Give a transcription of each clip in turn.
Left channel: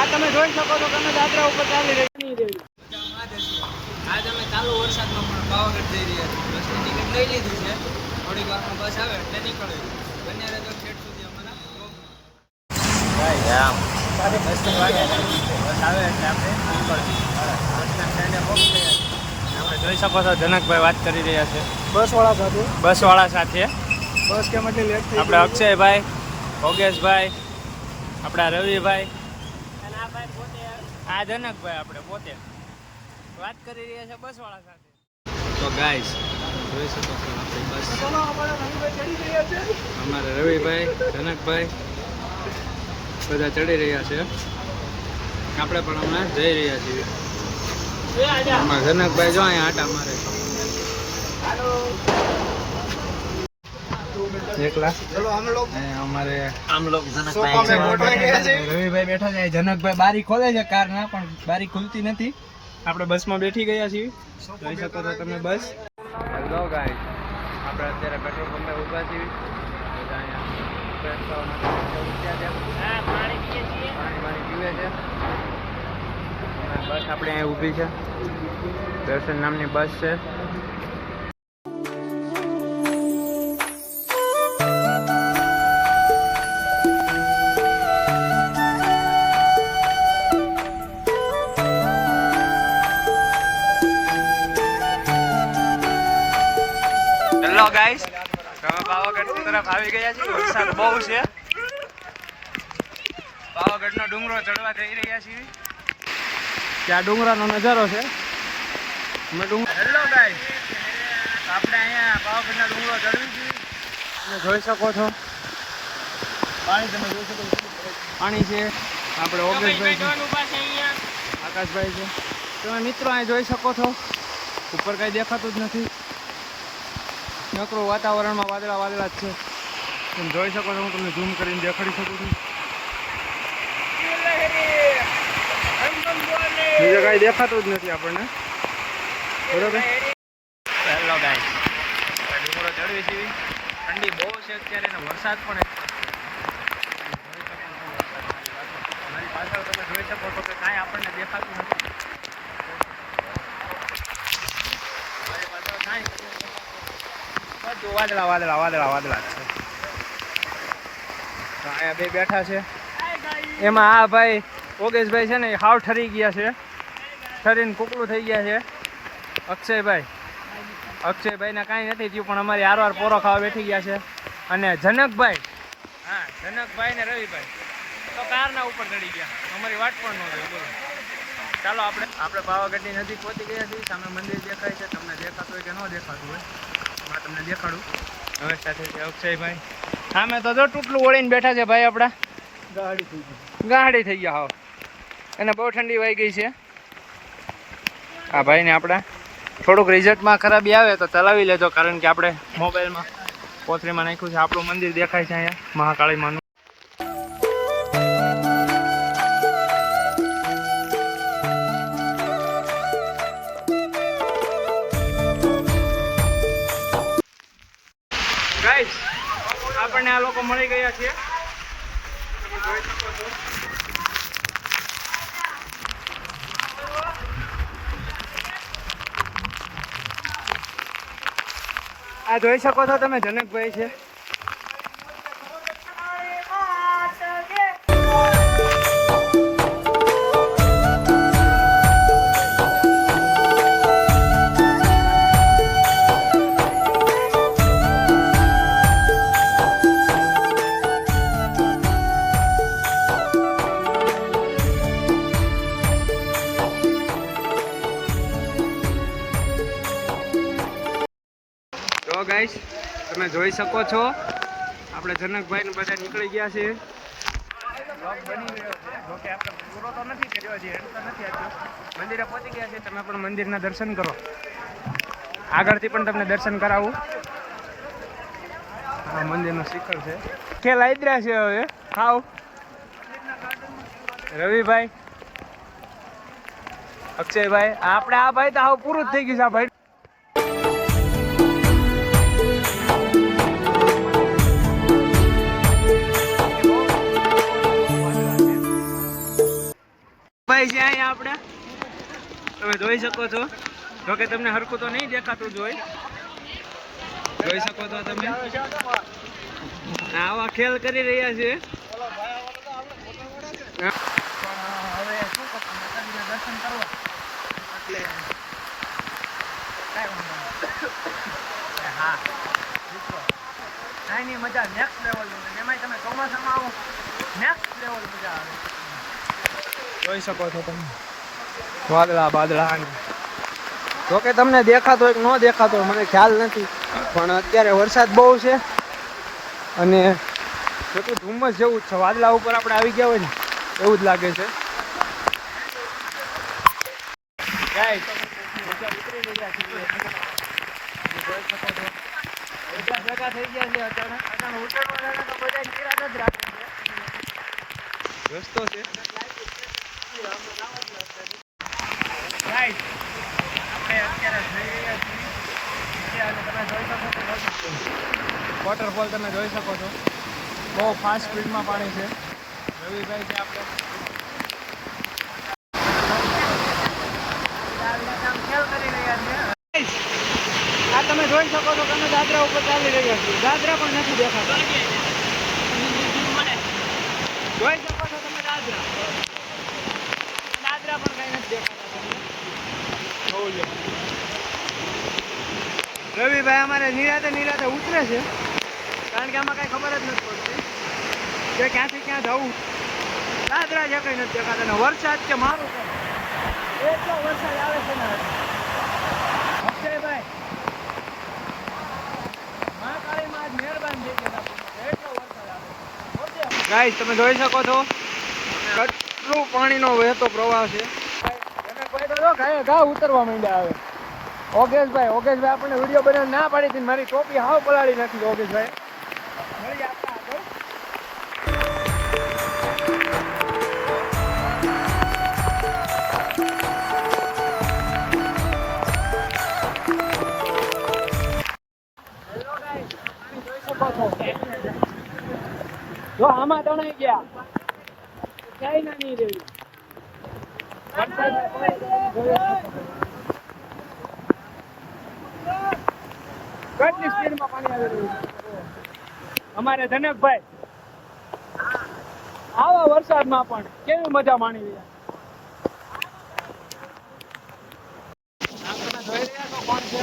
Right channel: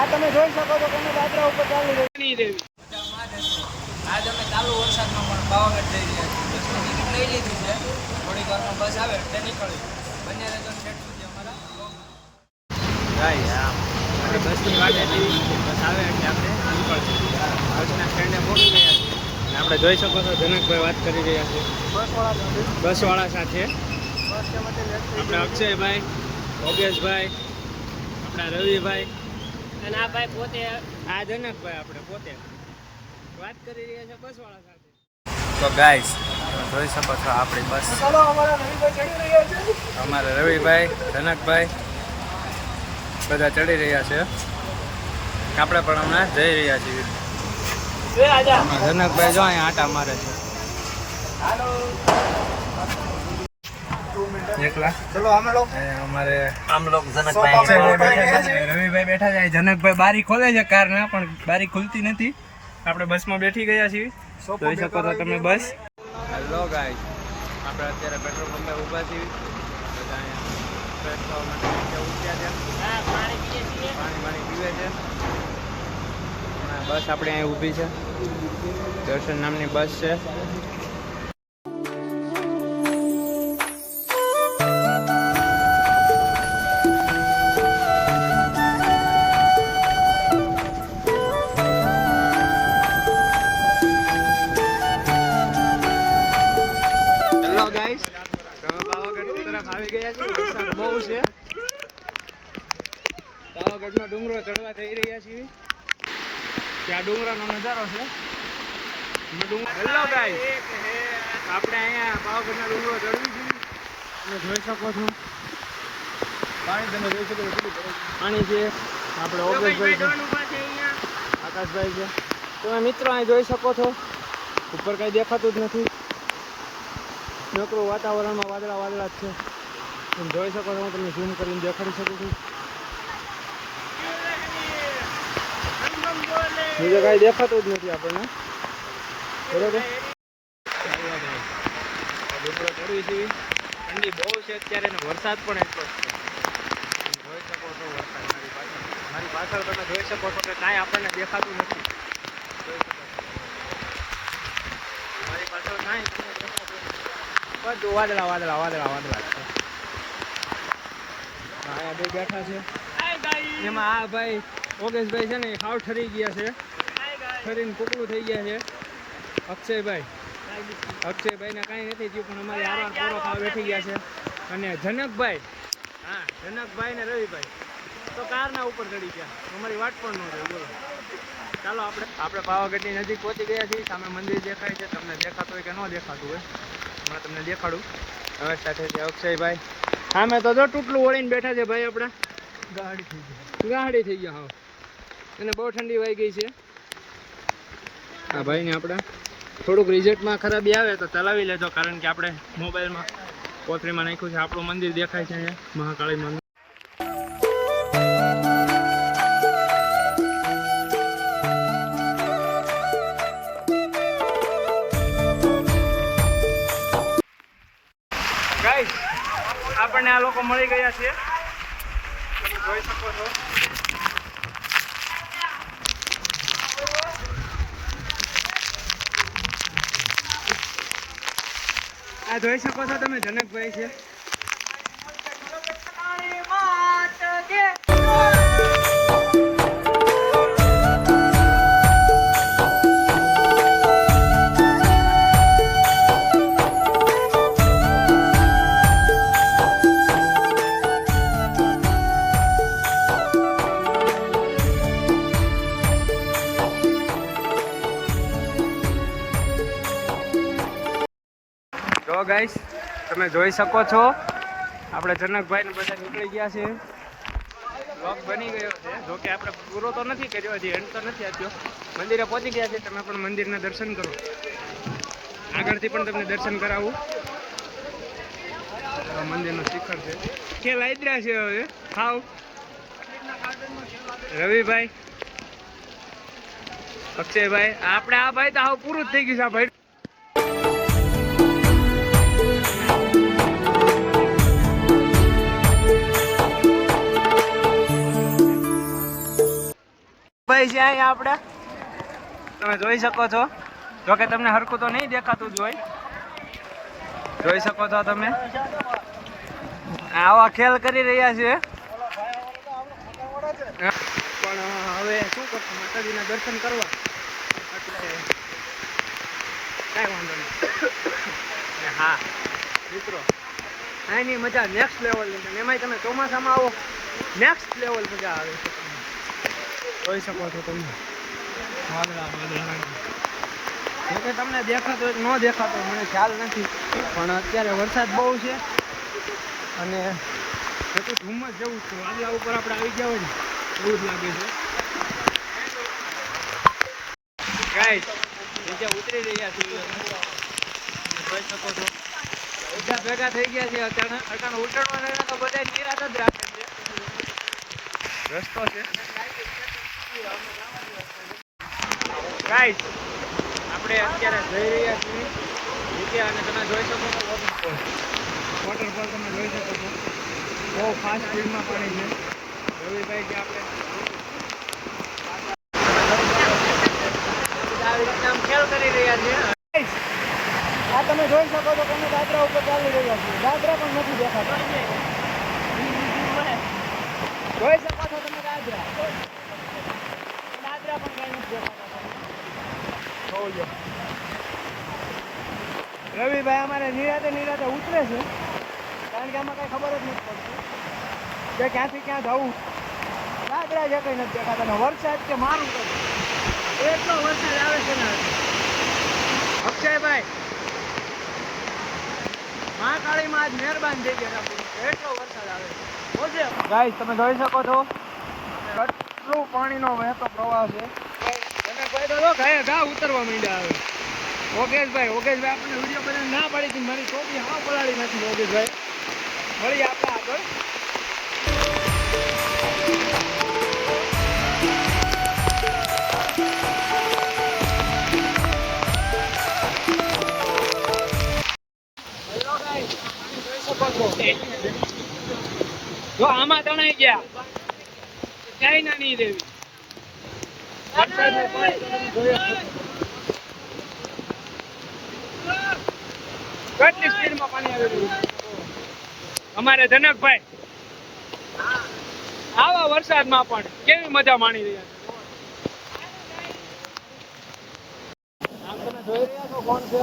આ તમે જોઈ શકો છો તમે યાત્રા ઉપર ચાલી રહી દેવી. આજ અમે ચાલુ વરસાદમાં પણ પાવાગઢ જઈ રહ્યા છીએ. બસની ટિકિટ લઈ લીધી છે, થોડીક વારમાં બસ આવે એટલે નીકળવી. બન્યા રહેજો છેક સુધી અમારા બ્લોગમાં. આપણે બસની વાટે બસ આવે એટલે આપણે નીકળશું. બસના સ્ટેન્ડે પહોંચી ગયા છીએ. આપણે જોઈ શકો છો જનકભાઈ વાત કરી રહ્યા છે બસવાળા સાથે. બસ કેમ એટલી લેટ થઈ? આપણે અક્ષયભાઈ, ભોગેશભાઈ, આપણા રવિભાઈ અને આ ભાઈ પોતે આ જનકભાઈ આપણે પોતે વાત કરી રહ્યા છે બસવાળા સાથે. તો ગાઈસ તમે જોઈ શકો છો આપણી બસ. ચાલો અમારા રવિભાઈ ચડી રહ્યા છે. અમારે રવિભાઈ, જનકભાઈ બધા ચડી રહ્યા છે. આપણે પણ હમણાં જઈ રહ્યા છીએ. આમાં જનકભાઈ જો અહીંયા આટા મારે છે. એકલા ચલો અમે લોકો અમારે જનકભાઈ રવિભાઈ બેઠા છે. જનકભાઈ બારી ખોલે છે કાર ના, પણ બારી ખુલતી નથી. આપણે બસમાં બેઠી ગયા છીએ. જોઈ શકો છો તમે બસ. હેલો ગાઈસ, આપણે અત્યારે પેટ્રોલ પંપે ઊભા છીએ. અહીંયા ફ્રેશ થવા માટે ઉઠ્યા છે. પાણી પીવે છે. હમણાં બસ આપણે અહીંયા ઊભી છે. દર્શન નામની બસ છે. ગાઈસ તમે પાવાગઢ તરફ આવી ગયા છીએ. વરસાદ બહુ છે. પાવાગઢનો ડુંગરો ચડવા જઈ રહ્યા છીએ. ત્યાં ડુંગરાનો નજારો છે. હેલો ગાઈસ, આપણે અહીંયા પાવાગઢના ડુંગરો ચડવી છીએ. તમે જોઈ શકો છો પાણી છે. આપણે ઓગેશભાઈ છે, આકાશભાઈ છે. તમે મિત્રો અહીં જોઈ શકો છો ઉપર કાંઈ દેખાતું જ નથી. નકરું વાતાવરણમાં વાદળા જ છે. તમે જોઈ શકો છો. હું તમને ઝૂમ કરીને દેખાડી શકું છું. બીજું કાંઈ દેખાતું જ નથી આપણને. બરોબર. હેલો ગાઈસ, ડુંગરો ચડવી છીએ. ઠંડી બહુ છે અત્યારે ને વરસાદ પણ એટલો જ છે. તમે જોઈ શકો છો વરસાદ મારી પાછળ તમે જોઈ શકો છો કે કાંઈ આપણને દેખાતું નથી. જોઈ શકો છો મારી પાછળ કાંઈ તમને દેખાતું નથી. બધું વાદળા જ છે. અહીંયા બે બેઠા છે. એમાં આ ભાઈ ઓગેશભાઈ છે ને એ હાવ ઠરી ગયા છે. ઠરીને કુકડું થઈ ગયા છે. અક્ષયભાઈને કાંઈ નથી થયું, પણ અમારી આરવાર પોરો ખાવા બેઠી ગયા છે. અને જનકભાઈ ને રવિભાઈ તો કારના ઉપર ચડી ગયા. અમારી વાટ પણ ન જોઈ. બોલો. ચાલો આપણે પાવાગઢની નજીક પહોંચી ગયા છીએ. સામે મંદિર દેખાય છે. તમને દેખાતું હોય કે ન દેખાતું હોય હમણાં તમને દેખાડું. અમારી સાથે અક્ષયભાઈ. સામે તો જો ટૂટલું ઓળીને બેઠા છે ભાઈ. આપણા ગાડી થઈ ગયા. હાવ એને બહુ ઠંડી વાઈ ગઈ છે. હા ભાઈને આપણા થોડુંક રિઝલ્ટમાં ખરાબી આવે તો ચલાવી લેજો, કારણ કે આપણે મોબાઈલમાં કોથળીમાં નાખ્યું છે. આપણું મંદિર દેખાય છે અહીંયા મહાકાળીમાનું. ગાઈસ, આપણને આ લોકો મળી ગયા છે. તમે જોઈ શકો છો. આ જોઈ શકો છો તમે જનકભાઈ છે. તો ગાઈસ તમે જોઈ શકો છો આપણે જનકભાઈ ને બધા નીકળી ગયા છે. બ્લોગ બની ગયો છે. જોકે આપણે પૂરો તો નથી કર્યો, હજી એન્ડ તો નથી આપ્યો. મંદિરે પહોંચી ગયા છે. તમે પણ મંદિરના દર્શન કરો. આગળથી પણ તમને દર્શન કરાવું. આ મંદિરનું શિખર છે. ખેલ આદરા છે હવે. હાવ રવિભાઈ, અક્ષયભાઈ, આપણે આ ભાઈ તો હાવ પૂરું જ થઈ ગયું છે. આ ભાઈ ભાઈ છે અહીંયા આપણે, તમે જોઈ શકો છો. જોકે તમને હરખું તો નહીં દેખાતું જોઈ શકો છો તમે. આવા ખેલ કરી રહ્યા છે. પણ હવે શું કરશું, માતાજીના દર્શન કરવા એટલે કાંઈ વાંધો નહીં. હા મિત્રો, અહીંની મજા નેક્સ્ટ લેવલની, એમાંય તમે ચોમાસામાં આવો નેક્સ્ટ લેવલ મજા આવે છે. જોઈ શકો છો તમે વાદળા બાદળા. જોકે તમને દેખાતો હોય કે ન દેખાતો હોય મને ખ્યાલ નથી, પણ અત્યારે વરસાદ બહુ છે અને જોકે ધુમ્મસ જેવું જ છે. વાદળા ઉપર આપણે આવી ગયા હોય ને એવું જ લાગે છે. ગાઈસ નીચે ઉતરી રહ્યા છીએ, તમે જોઈ શકો છો. ભેગા થઈ ગયા છે. અચાનક ઉતરવાના તો બધા નિરાત જ રાખે છે. રસ્તો છે ગાઈસ, આપણે અત્યારે જઈ રહ્યા છીએ નીચે અને તમે જોઈ શકો છો વોટરફોલ તમે જોઈ શકો છો. બહુ ફાસ્ટ સ્પીડમાં પાણી છે. રવિભાઈ કે આપણે આવી રીતે ખેલ કરી રહ્યા છીએ. આ તમે જોઈ શકો છો, તમે દાદરા ઉપર ચાલી રહ્યા છો. દાદરા પણ નથી દેખાતા. જોઈ શકો છો તમે દાદરા પણ કઈ નથી દેખાતા. રવિભાઈ અમારે નિરાતે ઉતરે છે, કારણ કે આમાં કઈ ખબર જ નથી પડતી કે ક્યાંથી ક્યાં જવું. દાદરા જે કઈ નથી દેખાતા ને વરસાદ કે મારું કર એટલો વરસાદ આવે છે ને. અક્ષયભાઈ મહાકાળીમાં આજ મહેરબાન થઈ ગયા છે, એટલો વરસાદ આવે છે. ગાઈસ તમે જોઈ શકો છો કેટલું પાણીનો વહેતો પ્રવાહ છે. અને કોઈ તો જો ઘા ઉતરવા માંડ્યા આવે. ઓગેશભાઈ આપણને વિડીયો બનાવવા ના પાડી હતી, મારી ટોપી હાવ પલાળી નાખી. ઓગેશભાઈ મળીએ આપણે આગળ. જો આમાં તણાઈ ગયા ક્યાંય ના નહીં દેવી. કેટલી સ્પીડમાં પાણી આવી રહ્યું છે. અમારે જનકભાઈ આવા વરસાદમાં પણ કેવી મજા માણી રહ્યા છે. આમ તમે જોઈ રહ્યા છો કોણ છે?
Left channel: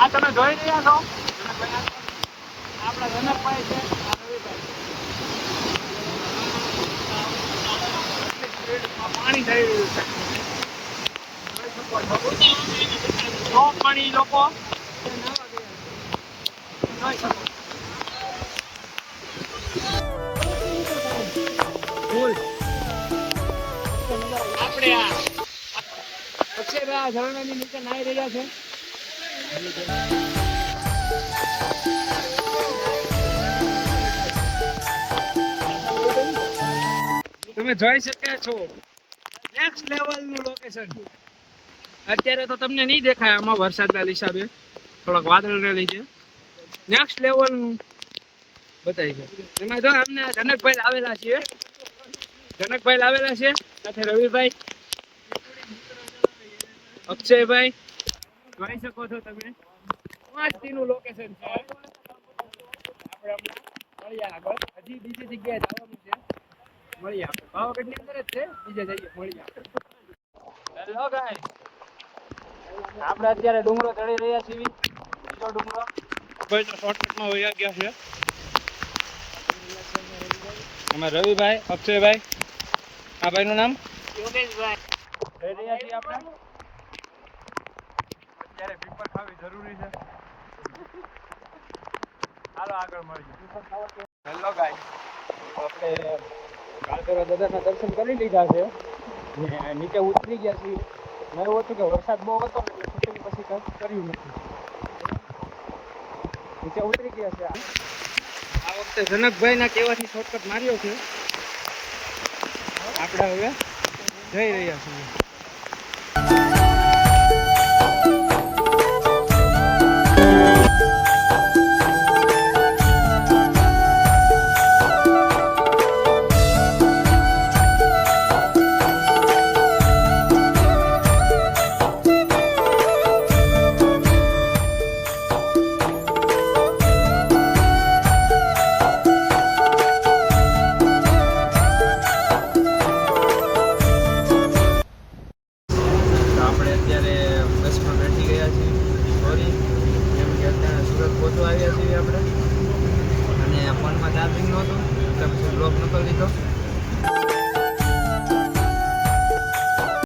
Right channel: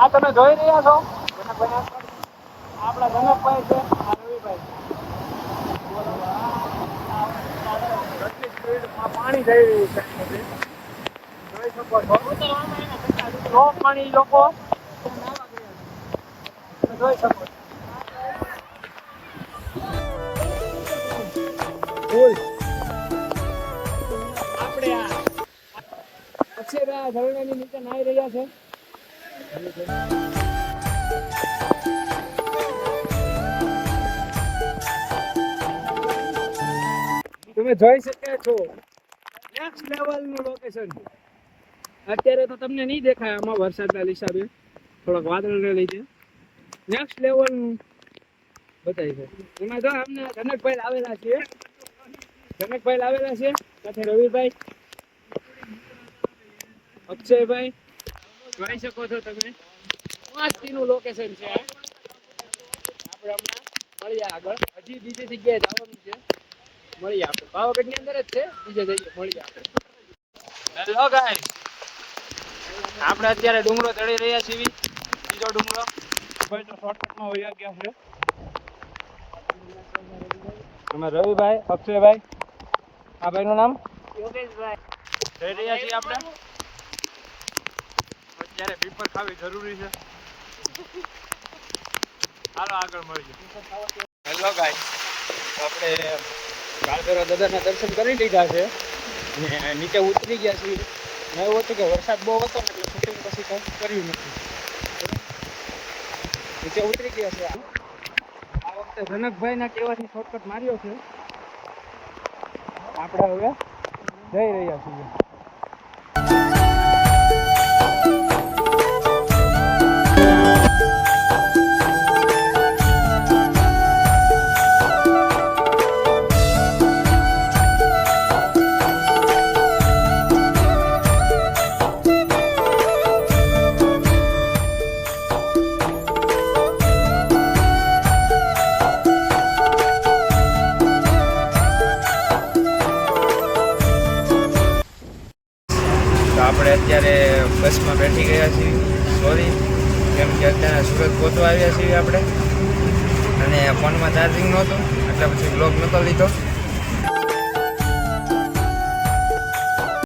આ તમે જોઈ રહ્યા છો જનકભાઈ, આપણા જનકભાઈ છે. આ રવિભાઈ કેટલી સ્પીડમાં પાણી જઈ રહ્યું છે. જોઈ શકો છો પાણી લોકો જોઈ શકો છો. આપણે અક્ષયભાઈ ઝરણાની નીચે નાહી રહ્યા છે. તમે જોઈ શકો છો નેક્સ્ટ લેવલનું લોકેશન. અત્યારે તો તમને નહીં દેખાય આમાં વરસાદના હિસાબે, થોડોક વાદળને લીધે નેક્સ્ટ લેવલનું બતાવી છે. એમાં જો અમને જનકભાઈ આવેલા છે, સાથે રવિભાઈ, અક્ષયભાઈ જોઈ શકો છો તમે. મસ્તીનું લોકેશન છે. આપણે હમણાં મળીએ આગળ, હજી બીજી જગ્યાએ જવાનું છે. મળીએ આપણે પાવાગઢની અંદર જ છે, બીજે જઈએ મળીએ આપણે. હેલો ગાઈસ, આપણે અત્યારે ડુંગરો ચડી રહ્યા છીએ. બીજો ડુંગરો ભાઈ તો શોર્ટકટમાં વયા ગયા છે. તમે રવિભાઈ, અક્ષયભાઈ, આ ભાઈનું નામ યોગેશભાઈ. જઈ રહ્યા છીએ આપણે. અત્યારે પીપર ખાવી જરૂરી છે. હાલો આગળ મળીએ. હેલો ગાઈસ, આપણે કાળભૈરવ દાદાના દર્શન કરી લીધા છે, નીચે ઉતરી ગયા છીએ. મેં એવું હતું કે વરસાદ બહુ હતો ને એટલે શૂટિંગ પછી તો કર્યું નથી. નીચે ઉતરી ગયા છે. આ વખતે જનકભાઈના કહેવાથી શોર્ટકટ માર્યો છે. આપણે હવે જઈ રહ્યા છીએ. આવ્યા છીએ આપણે અને ફોનમાં ચાર્જિંગ નહોતું એટલે પછી બ્લોગ નહોતો લીધો.